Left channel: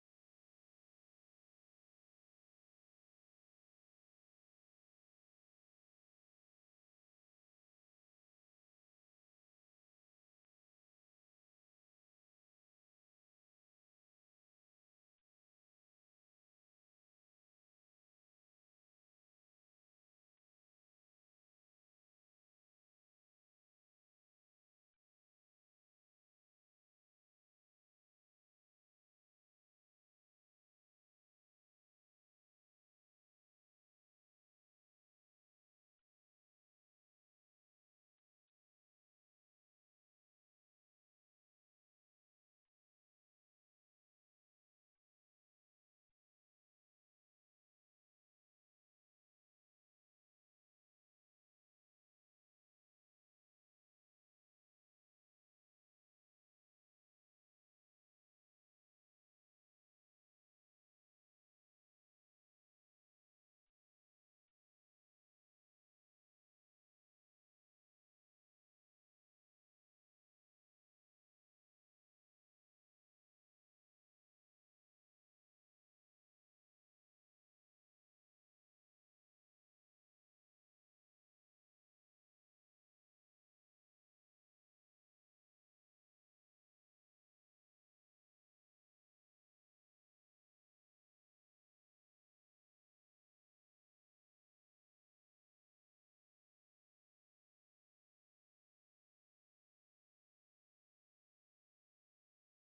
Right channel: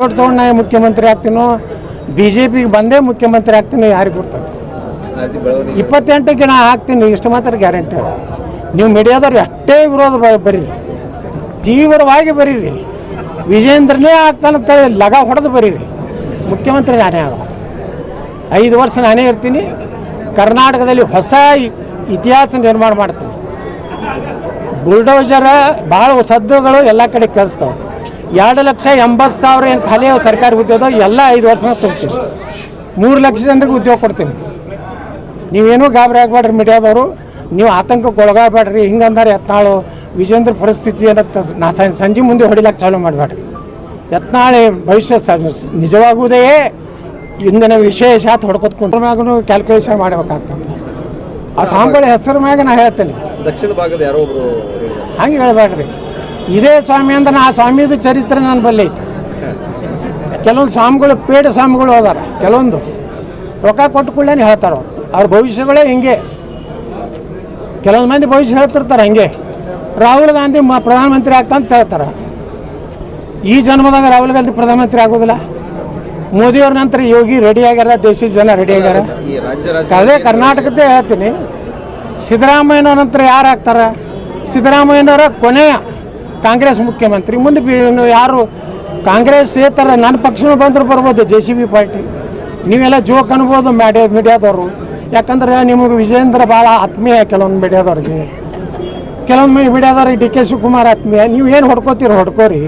ತಗೊಂಡು ನಾ ಮುಖ್ಯಮಂತ್ರಿ ಆಗ್ತೀನೋ ಬಿಜೆಪಿಗೆ ಬಂದೇ ಮುಖ್ಯಮಂತ್ರಿ ಆಗ್ತೀನಿ ಯಾರಿಗೆ ಗೊತ್ತದೆ 28ಕ್ಕೆ ನಾ ಆಗ್ತೀನಿ ಇಷ್ಟು ಮಾತ್ರ ಗ್ಯಾರಂಟಿ. ನೀವು ಮೀಡಿಯಾದವ್ರು ಎಷ್ಟೇ ವಿರೋಧ ಬರೀರಿ, ತೀವ್ರವಾಗಿ ಬರೀರಿ, ವಿಜೇಂದ್ರನೇ ಆಗ್ತಾನಂತ ಲಗ ಹೊಡೆದು ಬರೀರಿ, ಮುಖ್ಯಮಂತ್ರಿ ನಾನೇ ಆಗ 5 ವರ್ಷ ನಾನೇ ಇರ್ತೀನಿ. ಕರ್ನಾಟಕದಲ್ಲಿ ಹೊಸ ಇತಿಹಾಸ ನಿರ್ಮಾಣ ಮಾಡ್ತೀನಿ. ಬುಲ್ಡೋಜರ ಭಾಳ ಸದ್ದುಗಳು ಎಲ್ಲ ಕಡೆ ಕೇಳಿಸ್ತಾವೆ. 2,80,000 ಏನು ಖಾಲಿ ಸರ್ಕಾರಿ ಉದ್ಯೋಗ ಎಲ್ಲ 5 ವರ್ಷ ತುಂಬ್ತೀನಿ. 3 ಲಕ್ಷ ಜನರಿಗೆ ಉದ್ಯೋಗ ಕೊಡ್ತೀನಿ. ನೀವೇನೂ ಗಾಬರಿ ಆಗಬೇಡ್ರಿ ಮೀಡಿಯಾದವರು, ನೀವು ಆತಂಕಕ್ಕೆ ಒಳಗಾಗಬೇಡ್ರಿ. ಹಿಂಗಂದ್ರೆ ಯತ್ನಾಳು ವಿಜೇಂದ್ರ ಪರಿಸ್ಥಿತಿ ಏನತ್ತ ನಾ ಸಂಜೆ ಮುಂದೆ ಹೊಡಿಲಕ್ಕೆ ಚಾಲೂ ಮಾಡಬೇಡ್ರಿ. ಯತ್ನಾಳೆ ಭವಿಷ್ಯ ನಿಜವಾಗುವುದೇ ಇಂದಿನ ವಿಶೇಷ ಹೊಡ್ಕೊತ್ಕೊಂಡು ಮ್ಯಾಗೂ ಕ್ಯಾಲ್ಕುಲೇಷನ್ ಮಾಡಬೇಕಾಗ್ತದೆ. ಆ ಸ್ವಾಮಿಗಳ ಹೆಸರು ಮ್ಯಾಗ ನಾ ಹೇಳ್ತೇನೆ. ದಕ್ಷಿಣ ಭಾಗದ ಯಾರೋ ಒಬ್ರು ಹಂಗೆ ಹೇಳ್ಬೇಡ್ರಿ. ಇದೇ ಸ್ವಾಮಿ ಅಂದ್ರೆ ಆ ಸ್ವಾಮಿದು ಚರಿತ್ರೆ ನನ್ನ ಬಲ್ಲಿ ಐತಿ. ಕೆಲವೊಂದು ಸ್ವಾಮಿಗಳು ಪೇಡ ಸ್ವಾಮಿಗಳು ಹೋದಾರ, ಕೆಲವೊಂದು ರೊಕ್ಕ ಕೊಟ್ಟು ಕೂಡಲೇ ಹೇಳ್ತಾರೆ ಅವ್ರ ಭವಿಷ್ಯಗಳೇ ಹಿಂಗೆ. ಕೆಲವೊಂದು ಮಂದಿ ಭವಿಷ್ಯ ಹೇಳ್ತಿರ್ತಾರೆ ಹಂಗೆ. ರಾಹುಲ್ ಗಾಂಧಿ ಪ್ರಧಾನಮಂತ್ರಿ ಆಗ್ತಾಂತ ಹೇಳ್ತಾರೆ. ಈ ಜನ್ಮದಾಗ ರಾಹುಲ್ ಗಾಂಧಿ ಪ್ರಧಾನಮಂತ್ರಿ ಆಗೋದಿಲ್ಲ. ಮೋದಿಯವ್ರ ನಂತರ ಯೋಗಿ ರೆಡಿ ಆಗ್ಯಾರ, ದೇಶದ ಜನ ರೆಡಿ ಆಗ್ಯಾರ. ಅದೇ ಕರ್ನಾಟಕದ್ದೇ ಹೇಳ್ತೀನಿ. ಸಿದ್ದರಾಮಯ್ಯನವ್ರ ನಂತರ ಯಾರು ಆಗ್ತಾರ? ಸಿದ್ದರಾಮಯ್ಯನವರ ಕೊನೆಯ ಕಾಂಗ್ರೆಸ್ ಮುಖ್ಯಮಂತ್ರಿ. ಮುಂದೆ ಯಾರು ಕಾಂಗ್ರೆಸ್ ಥರ ನನ್ನ ಪಕ್ಷನೂ ಬಂದರೂ ಬರ್ಬೋದು, JCB ಪಾರ್ಟಿ. ನೀವೆಲ್ಲ ಜೋಕ್ ಅನ್ಬೋದು ಮೀಡಿಯಾದವರು. ಯಾಕಂದ್ರೆ ನಿಮಗೆ ವಿಜೇಂದ್ರ ಭಾಳ ಆತ್ಮೀಯ ಕೆಲವೊಂದು ಮೀಡಿಯಾದವ್ರಿಗೆ, ಕೆಲವೊಂದು ಮೀಡಿಯಾದವ್ರಿಗೆ DK ಶಿವಕುಮಾರ್ ಆತ್ಮೀಯ. ನೀವೇನು ಹೊಡ್ಕೋತೀರಿ ಹೊಡ್ಕೋರಿ.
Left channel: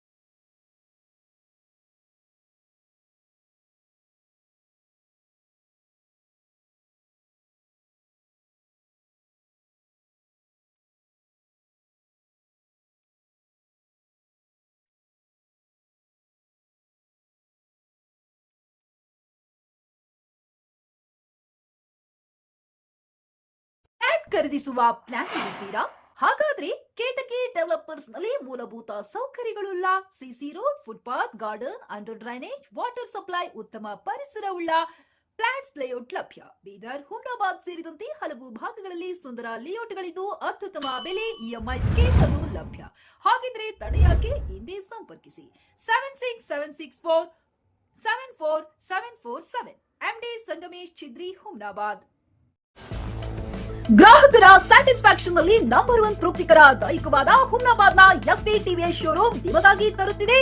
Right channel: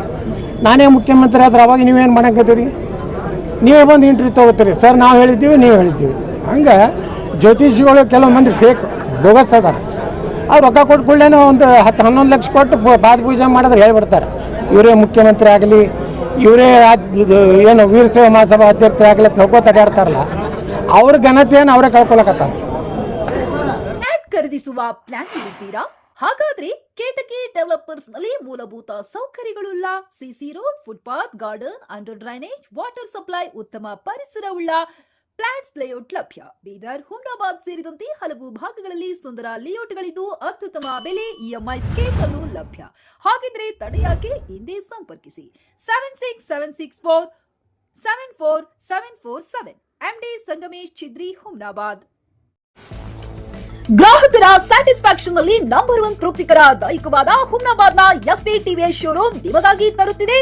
ನಾನೇ ಮುಖ್ಯಮಂತ್ರಿ ಆದ್ರೆ ಅವಾಗ ನೀವೇನು ಮಾಡಂಕತ್ತೀರಿ? ನೀವೇ ಬಂದು ಇಂಟ್ರ್ಯೂ ತೊಗೋತೀರಿ. ಸರ್ ನಾವು ಹೇಳಿದ್ದೀವಿ, ನೀವು ಹೇಳಿದ್ದೀವಿ. ಹಂಗೆ ಜ್ಯೋತಿಷಿಗಳು ಕೆಲವು ಮಂದಿ ಫೇಕ್ ಬೋಗಸ್ ಅದಾರ. ಅವ್ರು ರೊಕ್ಕ ಕೊಟ್ಟು ಕೂಡಲೇ ಒಂದು 10-11 ಲಕ್ಷ ಕೊಟ್ಟು ಪಾದ ಪೂಜೆ ಮಾಡಿದ್ರೆ ಹೇಳ್ಬಿಡ್ತಾರೆ ಇವರೇ ಮುಖ್ಯಮಂತ್ರಿ ಆಗಲಿ, ಇವರೇ ಏನು ವೀರಶೈವ ಮಹಾಸಭಾ ಅಧ್ಯಕ್ಷರಾಗಲಿ ತಿಳ್ಕೊತ ಅಡ್ಯಾಡ್ತಾರಲ್ಲ, ಅವ್ರ ಘನತೆಯನ್ನು ಅವರೇ ಕಳ್ಕೊಳಕತ್ತಾರ. ಖರೀದಿಸುವ ಪ್ಲಾನ್ ಇದ್ದೀರಾ? ಹಾಗಾದ್ರೆ ಕೇತಕಿ ಡೆವಲಪರ್ಸ್ ನಲ್ಲಿ ಮೂಲಭೂತ ಸೌಕರ್ಯಗಳುಳ್ಳ CC road, footpath, garden, under drainage, water supply, ಉತ್ತಮ ಪರಿಸರವುಳ್ಳ ಫ್ಲಾಟ್ಸ್ ಲೇಔಟ್ ಲಭ್ಯ. ಬೀದರ್, ಹುಮ್ನಾಬಾದ್ ಸೇರಿದಂತೆ ಹಲವು ಭಾಗಗಳಲ್ಲಿ ಸುಂದರ ಲೇಔಟ್ಗಳಿದ್ದು ಅತ್ಯುತ್ತಮ ಬೆಲೆ, EMI ಸ್ಕೀಮ್ಸ್ ಅನ್ನು ಲಭ್ಯ. ಹಾಗಿದ್ರೆ ತಡೆಯಾಕೆ? ಹಿಂದೆ ಸಂಪರ್ಕಿಸಿ 7676474747 MD ಸಂಗಮೇಶ್ ಚಿದ್ರಿ, ಹುಮ್ನಾಬಾದ್. ಗ್ರಾಹಕರ ಸ್ಯಾಟಿಸ್ಫ್ಯಾಕ್ಷನ್ ನಲ್ಲಿ ನಂಬರ್ 1 ತೃಪ್ತಿಕರ ದೈಹಿಕವಾದ ಹುಮ್ನಾಬಾದ್ನ SV TVS ಶೋರೂಮ್ ನಿಮಗಾಗಿ ತರುತ್ತಿದೆ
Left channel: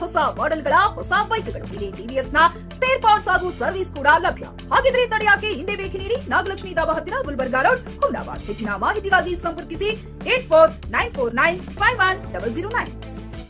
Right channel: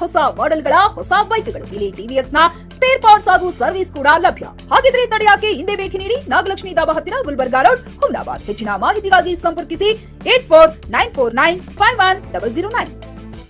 ಹೊಸ ಮಾಡೆಲ್ಗಳ ಹೊಸ ಬೈಕ್ಗಳು. ಇಲ್ಲಿ TVS ನ ಸ್ಪೇರ್ ಪಾರ್ಟ್ಸ್ ಹಾಗೂ ಸರ್ವಿಸ್ ಕೂಡ ಲಭ್ಯ. ಹಾಗಿದ್ರೆ ತಡೆಯಾಕೆ? ಹಿಂದೆ ಭೇಟಿ ನೀಡಿ. ನಾಗಲಕ್ಷ್ಮಿ ಧಾಬಾ ಹತ್ತಿರ, ಗುಲ್ಬರ್ಗಾ ರೋಡ್, ಹುಮ್ನಾಬಾದ್. ಹೆಚ್ಚಿನ ಮಾಹಿತಿಗಾಗಿ ಸಂಪರ್ಕಿಸಿ 8494951009.